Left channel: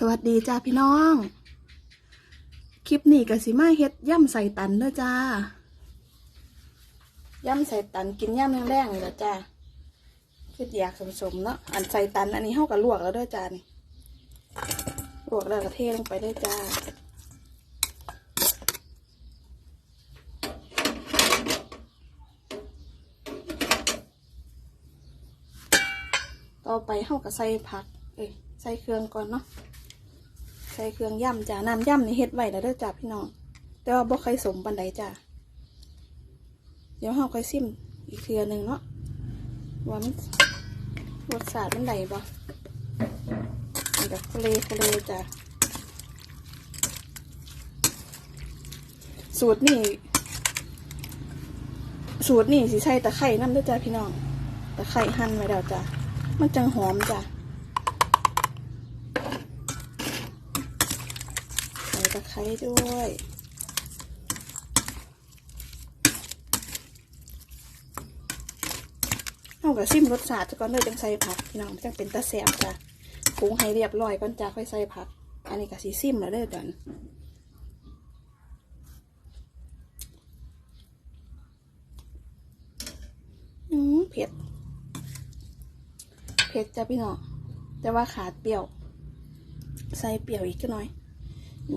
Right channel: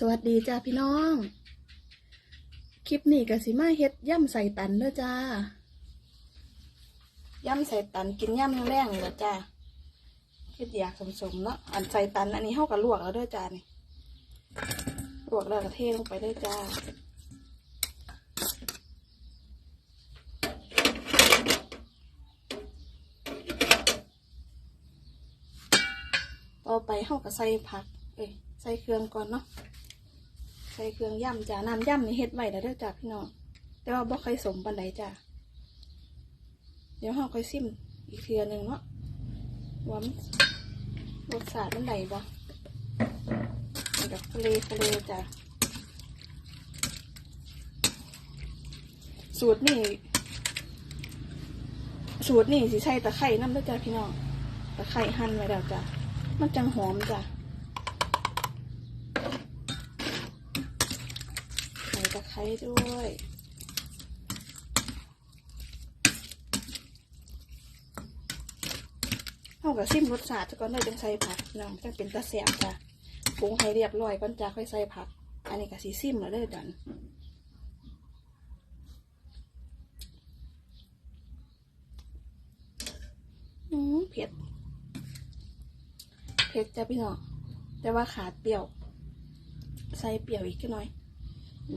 สวัสดีจ้าพี่น้อง คลิปนี้ก็สิมาเฮ็ดย่ำใส่ตันเด้อจ้าย่ำใส่ตันกินย่ำแรงๆนี่แหละจ้าคิดอยากสมๆเนาะอันใส่ตันอันนี้เฮากับลวกแล้วเด้อจ้านี่ลวกแล้วก็เทลงไปได้อจ้าต่อไปเฮาก็ใส่ผักเอ้ยใส่เครื่องก่อนเนาะ ส่เครื่องย่ำจ้าน้ำย่ำนี่เฮ็ดไว้แล้วเด้อจ้าพี่น้องแต่ว่าบ่ค่อยสมปานใดจ้าเดี๋ยวเฮาค่อยซิมอีกเทือหนึงเนาะว่ามันรสชาติมันไดบ่มันแบบทะเลทะเลจ้าสูตรนี่สูตรนี่สิใส่ตะไคร่น้ำเด้วยจ้าพี่น้องตะไคร่หั่นไว้แล้วจ้ามันจังหอมจ้ะใส่ตะไคร้ด้วย เอากระซิมรสชาติก่อนเด้อจังใส่ผักน้องจังเป็นตะแสบจ้ะปรุงให้เรียบร้อยก่อนจ้าค่อยใส่ผัก อันนี้ก็สีซิมแล้วเด้อจ้ะอืมเผ็ด เผ็ดจ้ะพี่น้อง แต่ว่าขาดเปรี้ยว ใส่เปรี้ยวอีกหน่อย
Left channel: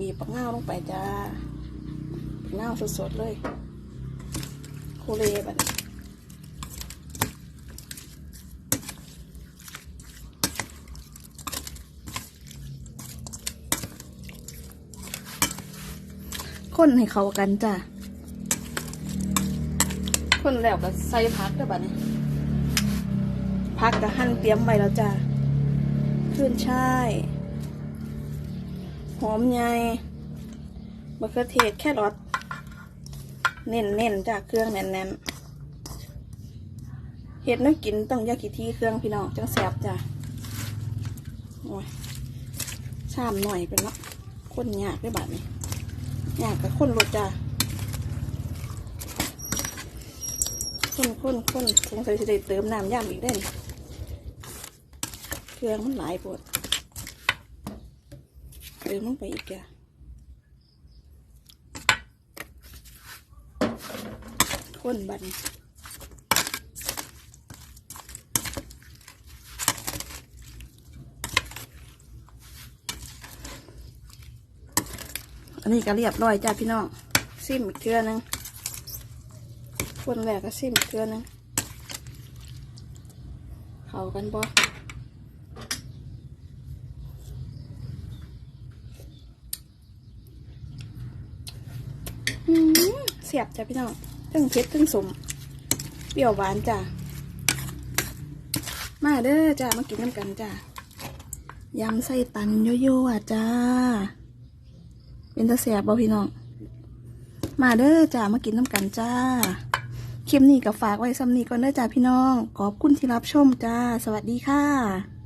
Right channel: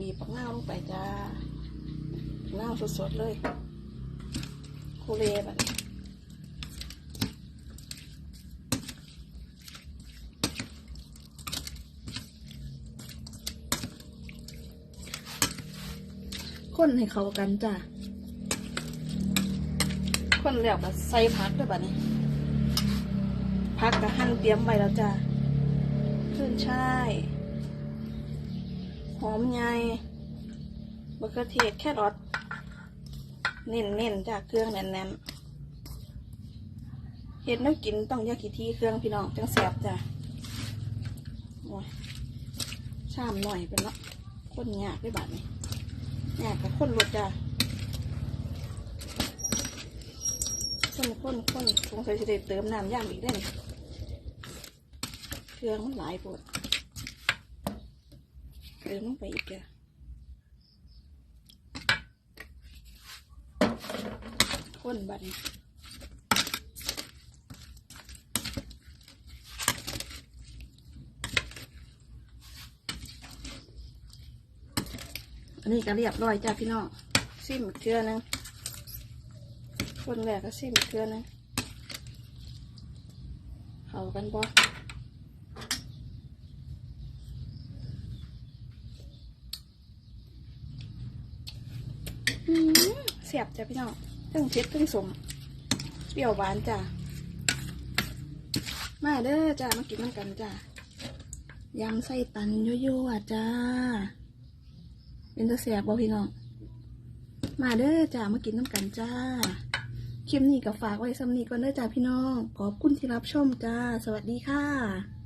มีปักเง่าลงไปจ้าปักเง่าสดๆเลยโคเลแบบนี้คนให้เข้ากันจ้ะคนแล้วก็ใส่ผักด้วยบัดนี้พักกับหั่นเตรียมไว้แล้วจ้ะขึ้นช่าย หอมใหญ่มะเขือเทศแครอทเน้นเน้นๆจ้ะเครื่องแน่นแน่นๆเห็ดน้ำกินตั้งยากี่ที่เครื่องพี่น้องจังแสบจ้ะโอ้ยชามหน่อยเป็นเนาะคนยากได้บาดนี้ยากกับคนรถจ้ะคนคนคนสงสัยจะได้เติมน้ำย่างอีกได้นี่เครื่องมันหลายปวด เติมลงไปอีกอะข้นบันอันนี้ก็เรียบร้อยจ้าพี่น้องซิมเกลือนึงคนแรกก็ซิมเกลือนึงเข้ากันบ่ อืมเสียบจ้ะพี่น้องตึ้งเผ็ดตึ้งสม เปรี้ยวหวานจ้ะ มาเด้อจ้ะมากินน้ำกันจ้ะยำไส้ตันยั่วๆจ้า เป็นตาแสบบ่พี่น้อง มาเด้อจ้ะมากินน้ำกันจ้าคลิปนี้ก็ฝากไว้ซ้ำนี้ก่อนเด้อจ้าพี่น้อง ขอบคุณที่รับชมจ้า สวัสดีค่ะ